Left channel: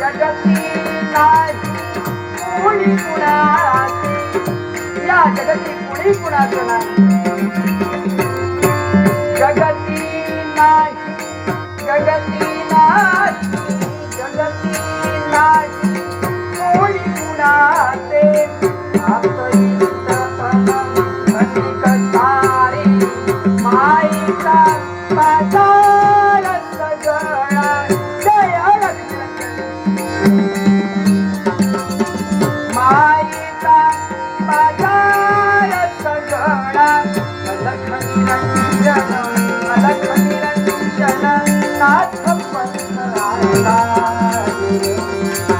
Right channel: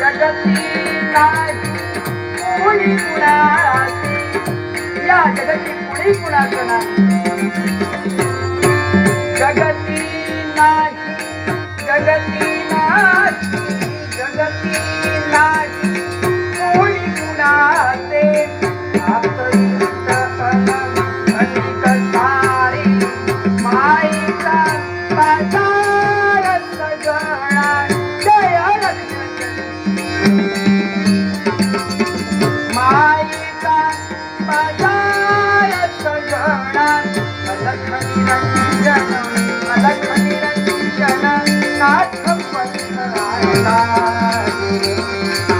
जगती कोणी कुणाची? या जगती कोणी कुणाचं नाही? जगती नाही जगती नाही जगती नाही. कोणी कुणाचे? आपली सारे. माईचा Música